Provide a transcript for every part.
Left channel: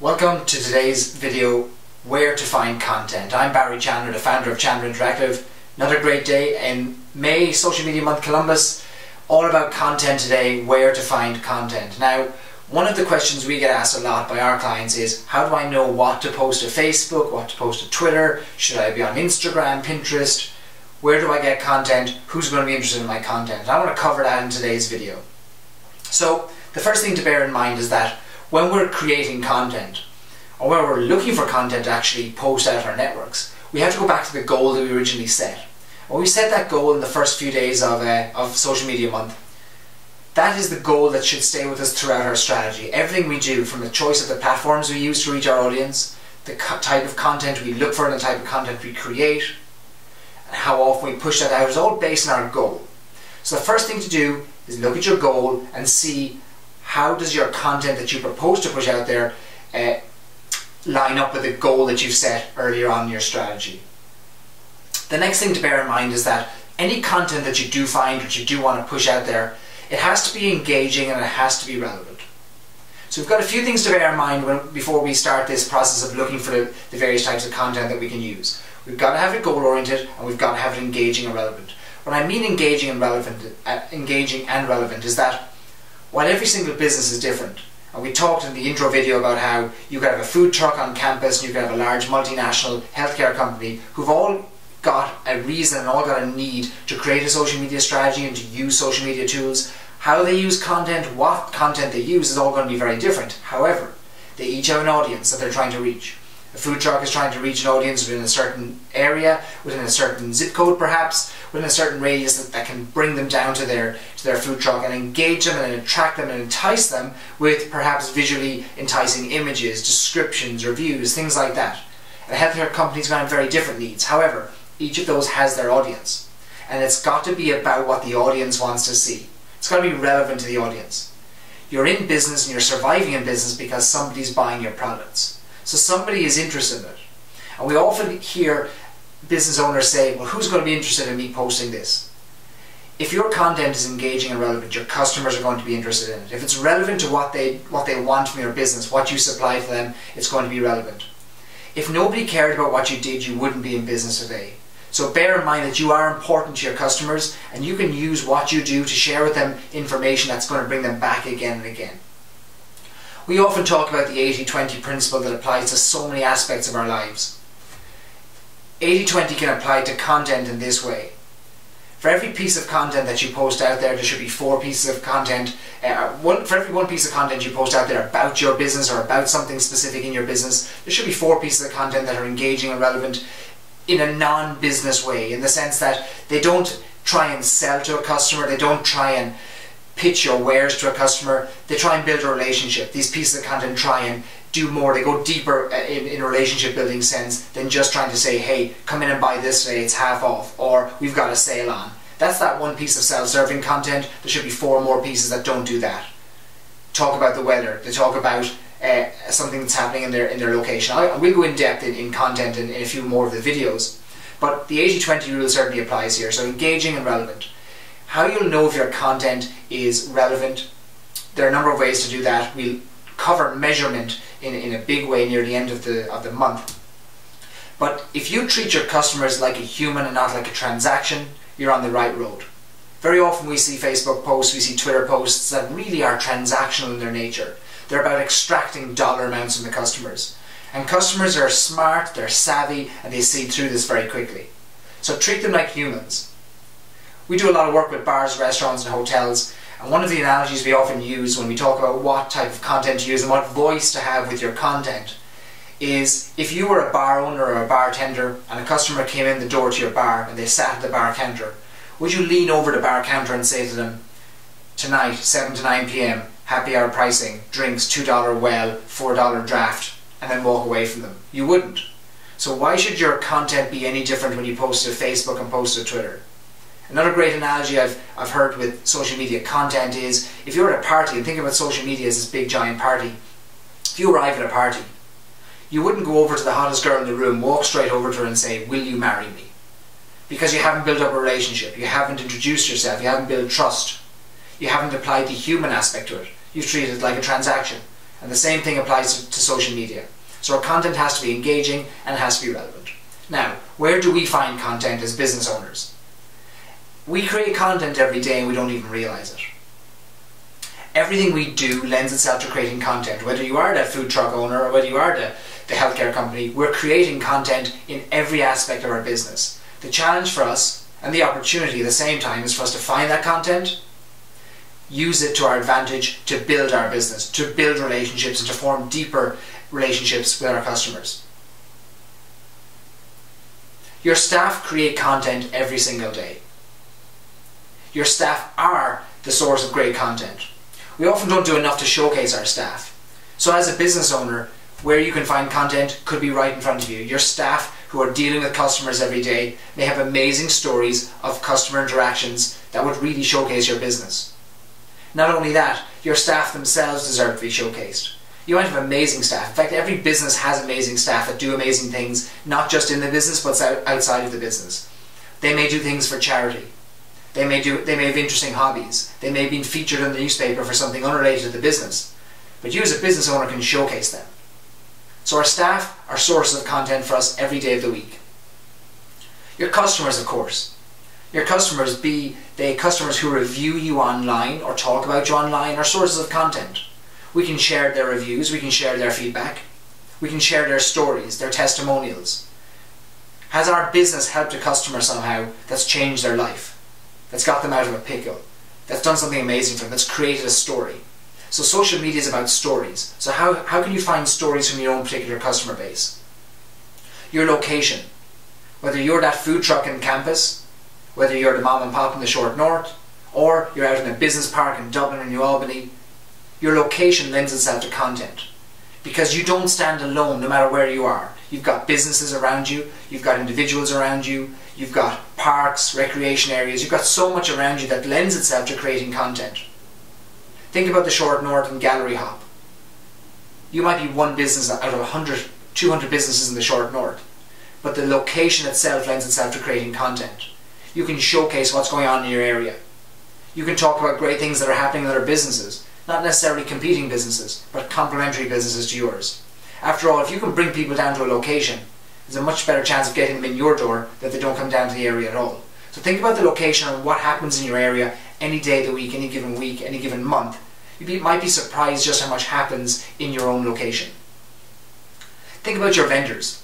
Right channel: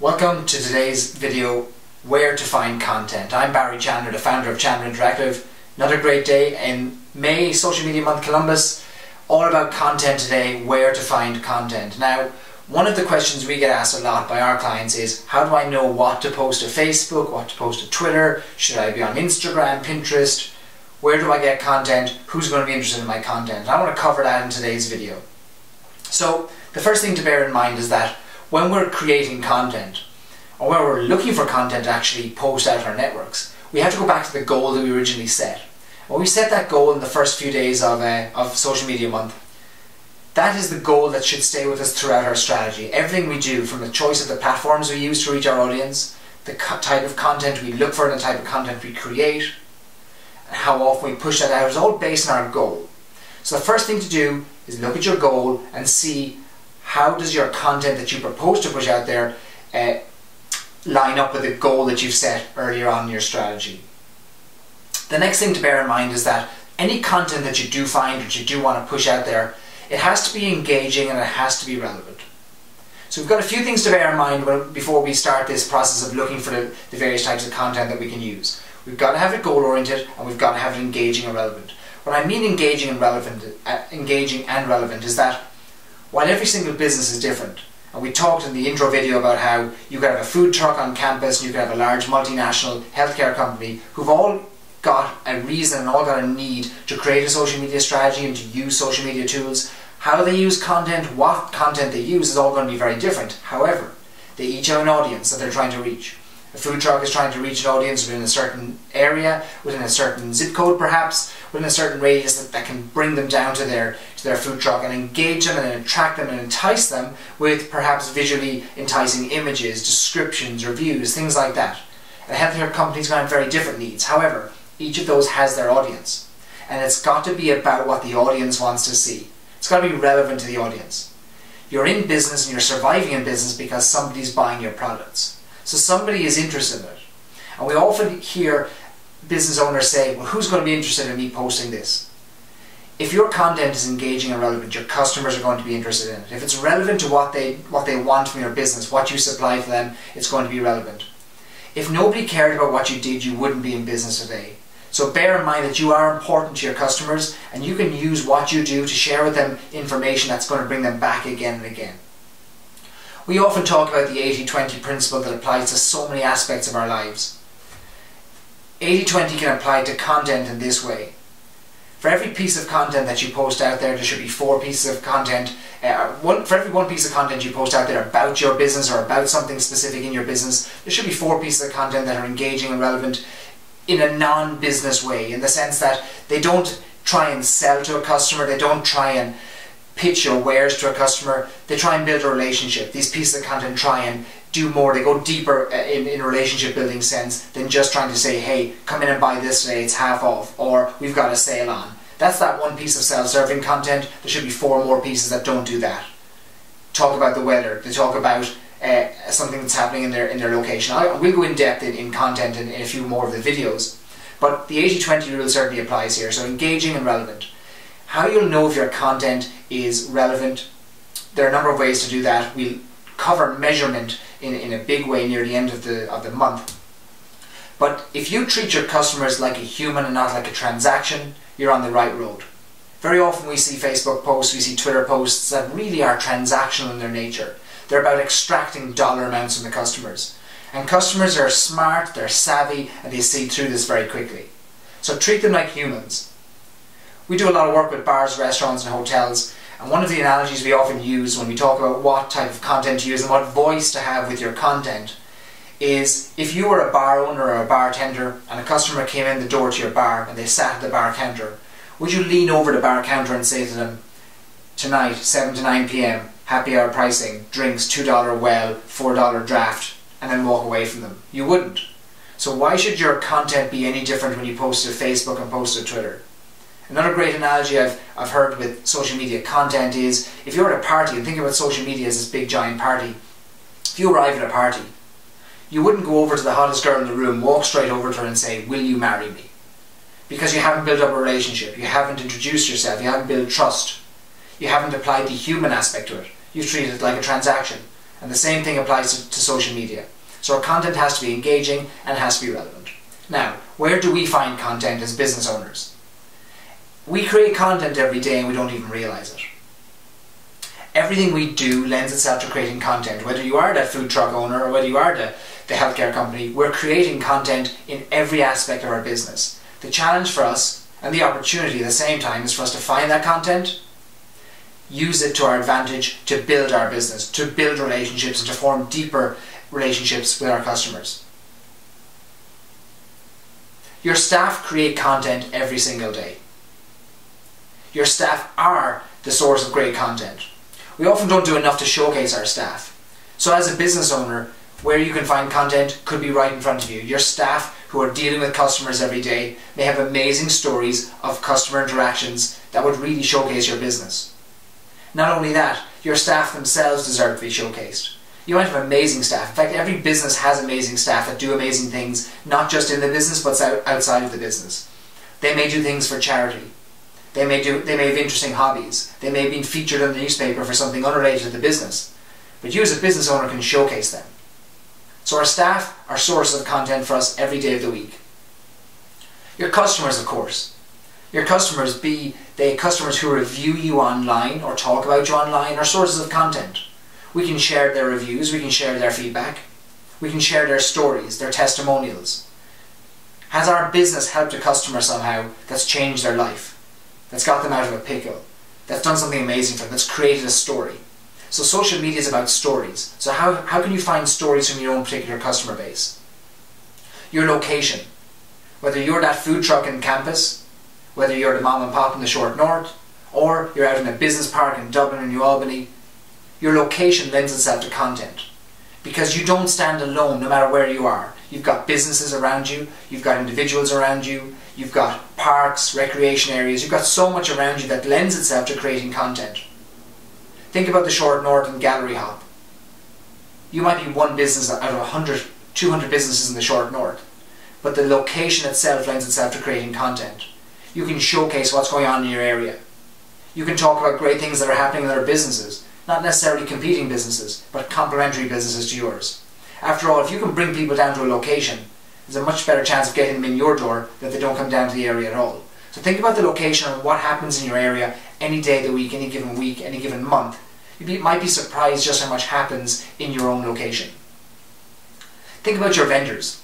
Welcome to today's video, Where to Find Content. I'm Barry Chandler, the founder of Chandler Interactive. Another great day in May, Social Media Month Columbus. All about content today, where to find content. Now, one of the questions we get asked a lot by our clients is, how do I know what to post to Facebook, what to post to Twitter? Should I be on Instagram, Pinterest? Where do I get content? Who's going to be interested in my content? I want to cover that in today's video. So, the first thing to bear in mind is that when we're creating content, or when we're looking for content to actually post out our networks, we have to go back to the goal that we originally set. When we set that goal in the first few days of Social Media Month, that is the goal that should stay with us throughout our strategy. Everything we do, from the choice of the platforms we use to reach our audience, the type of content we look for and the type of content we create, and how often we push that out, is all based on our goal. So the first thing to do is look at your goal and see how does your content that you propose to push out there line up with the goal that you've set earlier on in your strategy. The next thing to bear in mind is that any content that you do find, that you do want to push out there, it has to be engaging and it has to be relevant. So we've got a few things to bear in mind before we start this process of looking for the various types of content that we can use. We've got to have it goal-oriented and we've got to have it engaging and relevant. What I mean engaging and relevant is that while every single business is different, and we talked in the intro video about how you could have a food truck on campus and you could have a large multinational healthcare company who've all got a reason and all got a need to create a social media strategy and to use social media tools. How they use content, what content they use is all going to be very different. However, they each have an audience that they're trying to reach. A food truck is trying to reach an audience within a certain area, within a certain zip code perhaps, within a certain radius that can bring them down to their food truck and engage them and attract them and entice them with perhaps visually enticing images, descriptions, reviews, things like that. And a healthcare company's going to have very different needs. However, each of those has their audience. And it's got to be about what the audience wants to see. It's got to be relevant to the audience. You're in business and you're surviving in business because somebody's buying your products. So somebody is interested in it. And we often hear business owners say, well, who's going to be interested in me posting this? If your content is engaging and relevant, your customers are going to be interested in it. If it's relevant to what they want from your business, what you supply to them, it's going to be relevant. If nobody cared about what you did, you wouldn't be in business today. So bear in mind that you are important to your customers and you can use what you do to share with them information that's going to bring them back again and again. We often talk about the 80-20 principle that applies to so many aspects of our lives. 80-20 can apply to content in this way. For every piece of content that you post out there should be 4 pieces of content. For every 1 piece of content you post out there about your business or about something specific in your business, there should be 4 pieces of content that are engaging and relevant in a non-business way, in the sense that they don't try and sell to a customer, they don't try and pitch your wares to a customer, they try and build a relationship. These pieces of content try and do more, they go deeper in a relationship building sense than just trying to say, hey, come in and buy this today, it's half off, or we've got a sale on. That's that 1 piece of self-serving content. There should be 4 more pieces that don't do that. Talk about the weather, they talk about something that's happening in their location. We'll go in depth in content in a few more of the videos, but the 80-20 rule certainly applies here, so engaging and relevant. How you'll know if your content is relevant, there are a number of ways to do that. We'll cover measurement in a big way near the end of the month. But if you treat your customers like a human and not like a transaction, you're on the right road. Very often we see Facebook posts, we see Twitter posts that really are transactional in their nature. They're about extracting dollar amounts from the customers. And customers are smart, they're savvy, and they see through this very quickly. So treat them like humans. We do a lot of work with bars, restaurants and hotels, and one of the analogies we often use when we talk about what type of content to use and what voice to have with your content is, if you were a bar owner or a bartender and a customer came in the door to your bar and they sat at the bar counter, would you lean over the bar counter and say to them, tonight 7 to 9 p.m, happy hour pricing, drinks $2 well, $4 draft, and then walk away from them? You wouldn't. So why should your content be any different when you post to Facebook and post to Twitter? Another great analogy I've heard with social media content is, if you're at a party, and think about social media as this big giant party, if you arrive at a party, You wouldn't go over to the hottest girl in the room, walk straight over to her and say, will you marry me? Because you haven't built up a relationship, you haven't introduced yourself, you haven't built trust, you haven't applied the human aspect to it. You've treated it like a transaction. And the same thing applies to social media. So our content has to be engaging and it has to be relevant. Now, where do we find content as business owners? We create content every day and we don't even realise it. Everything we do lends itself to creating content. Whether you are that food truck owner or whether you are the healthcare company, we're creating content in every aspect of our business. The challenge for us, and the opportunity at the same time, is for us to find that content, use it to our advantage to build our business, to build relationships and to form deeper relationships with our customers. Your staff create content every single day. Your staff are the source of great content. We often don't do enough to showcase our staff. So as a business owner, where you can find content could be right in front of you. Your staff who are dealing with customers every day may have amazing stories of customer interactions that would really showcase your business. Not only that, your staff themselves deserve to be showcased. You might have amazing staff. In fact, every business has amazing staff that do amazing things, not just in the business, but outside of the business. They may do things for charity. They may have interesting hobbies. They may have been featured in the newspaper for something unrelated to the business. But you as a business owner can showcase them. So our staff are sources of content for us every day of the week. Your customers, of course. Your customers, be they customers who review you online or talk about you online, are sources of content. We can share their reviews, we can share their feedback, we can share their stories, their testimonials. Has our business helped a customer somehow that's changed their life, that's got them out of a pickle, that's done something amazing for them, that's created a story? So social media is about stories. So how can you find stories from your own particular customer base? Your location. Whether you're that food truck in campus, whether you're the mom and pop in the short north, or you're out in a business park in Dublin or New Albany, your location lends itself to content. Because you don't stand alone no matter where you are. You've got businesses around you, you've got individuals around you, you've got parks, recreation areas, you've got so much around you that lends itself to creating content. Think about the short north and gallery hop. You might be one business out of 100, 200 businesses in the short north, but the location itself lends itself to creating content. You can showcase what's going on in your area. You can talk about great things that are happening in other businesses, not necessarily competing businesses, but complementary businesses to yours. After all, if you can bring people down to a location, there's a much better chance of getting them in your door than they don't come down to the area at all. So think about the location and what happens in your area any day of the week, any given month. You might be surprised just how much happens in your own location. Think about your vendors.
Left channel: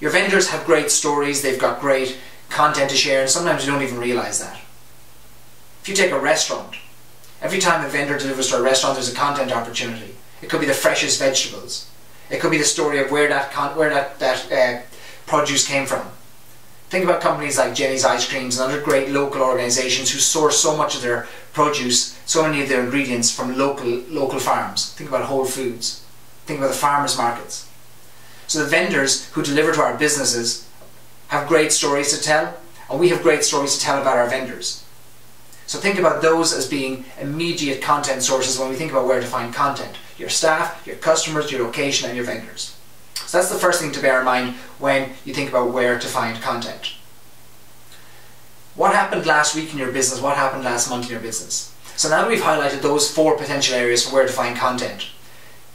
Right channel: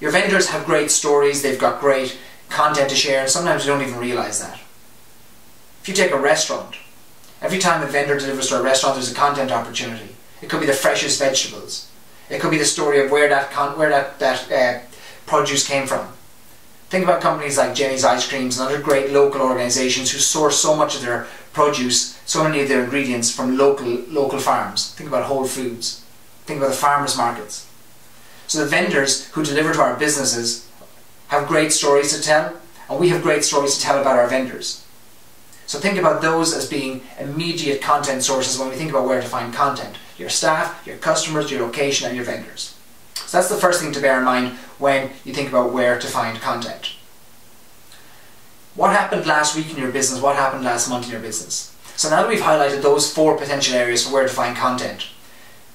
Your vendors have great stories, they've got great content to share, and sometimes you don't even realise that. If you take a restaurant, every time a vendor delivers to a restaurant there's a content opportunity. It could be the freshest vegetables. It could be the story of where that produce came from. Think about companies like Jenny's Ice Creams and other great local organisations who source so much of their produce, so many of their ingredients from local farms. Think about Whole Foods. Think about the farmers markets. So the vendors who deliver to our businesses have great stories to tell, and we have great stories to tell about our vendors. So think about those as being immediate content sources when we think about where to find content. Your staff, your customers, your location, and your vendors. So that's the first thing to bear in mind when you think about where to find content. What happened last week in your business? What happened last month in your business? So now that we've highlighted those 4 potential areas for where to find content,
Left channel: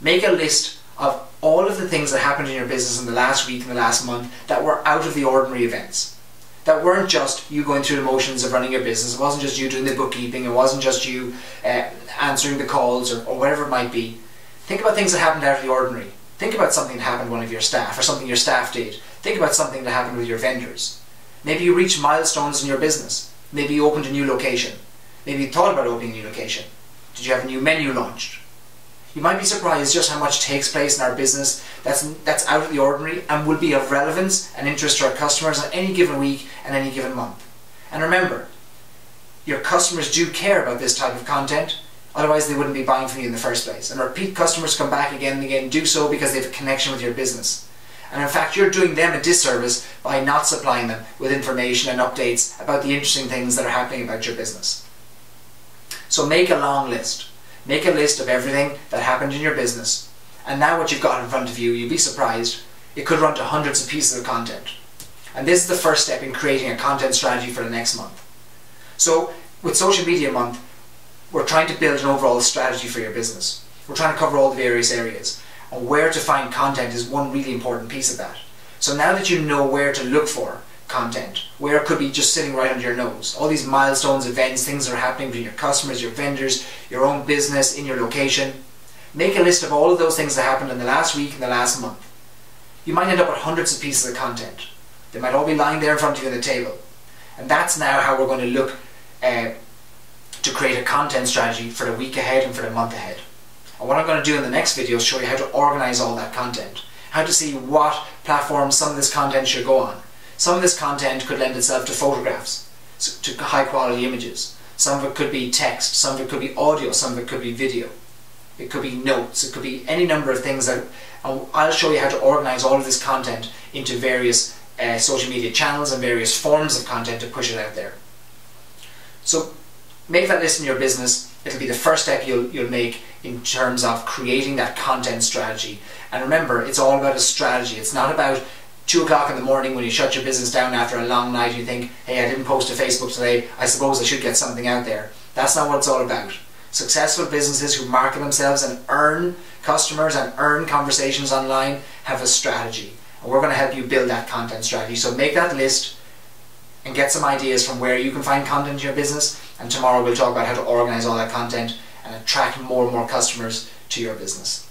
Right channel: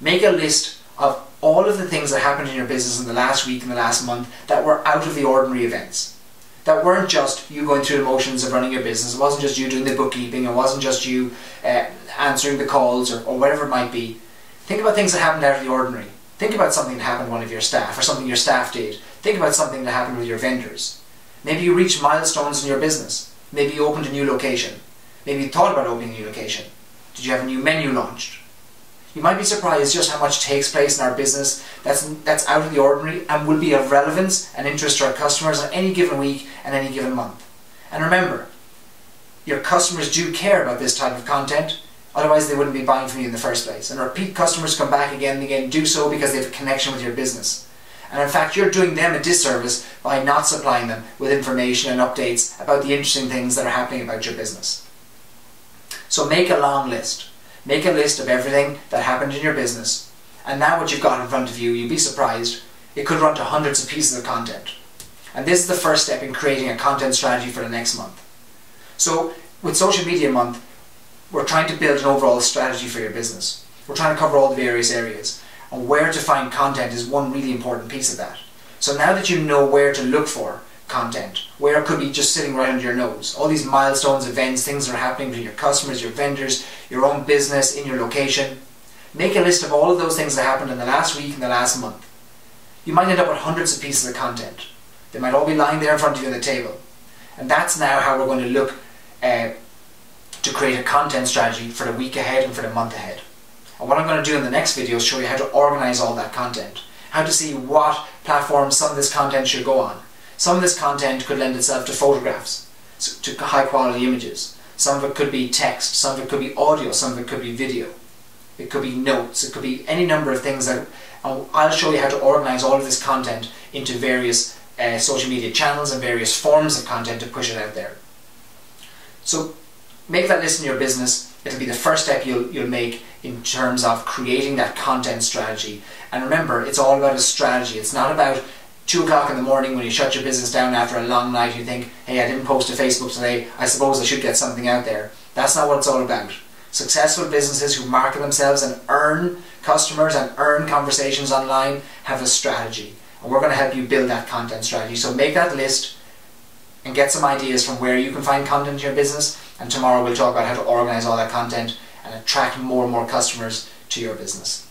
make a list of all of the things that happened in your business in the last week and the last month that were out of the ordinary events. That weren't just you going through the motions of running your business. It wasn't just you doing the bookkeeping. It wasn't just you answering the calls or whatever it might be. Think about things that happened out of the ordinary. Think about something that happened to one of your staff or something your staff did. Think about something that happened with your vendors. Maybe you reached milestones in your business. Maybe you opened a new location. Maybe you thought about opening a new location. Did you have a new menu launched? You might be surprised just how much takes place in our business that's out of the ordinary and will be of relevance and interest to our customers on any given week and any given month. And remember, your customers do care about this type of content, otherwise they wouldn't be buying from you in the first place. And repeat customers come back again and again, do so because they have a connection with your business. And in fact, you're doing them a disservice by not supplying them with information and updates about the interesting things that are happening about your business. So make a long list. Make a list of everything that happened in your business And now what you've got in front of you, you'd be surprised, it could run to hundreds of pieces of content. And this is the first step in creating a content strategy for the next month. So with Social Media Month, we're trying to build an overall strategy for your business. We're trying to cover all the various areas. And where to find content is one really important piece of that. So now that you know where to look for content, where it could be just sitting right under your nose, all these milestones, events, things that are happening with your customers, your vendors, your own business, in your location, make a list of all of those things that happened in the last week and the last month. You might end up with hundreds of pieces of content. They might all be lying there in front of you on the table. And that's now how we're going to look to create a content strategy for the week ahead and for the month ahead. And what I'm going to do in the next video is show you how to organize all that content, how to see what platforms some of this content should go on. Some of this content could lend itself to photographs, to high quality images. Some of it could be text, some of it could be audio, some of it could be video. It could be notes, it could be any number of things that I'll show you how to organize all of this content into various social media channels and various forms of content to push it out there. So make that list in your business. It'll be the first step you'll make in terms of creating that content strategy. And remember, it's all about a strategy. It's not about 2 o'clock in the morning when you shut your business down after a long night and you think, hey, I didn't post to Facebook today, I suppose I should get something out there. That's not what it's all about. Successful businesses who market themselves and earn customers and earn conversations online have a strategy. And we're going to help you build that content strategy. So make that list and get some ideas from where you can find content in your business. And tomorrow we'll talk about how to organize all that content and attract more and more customers to your business.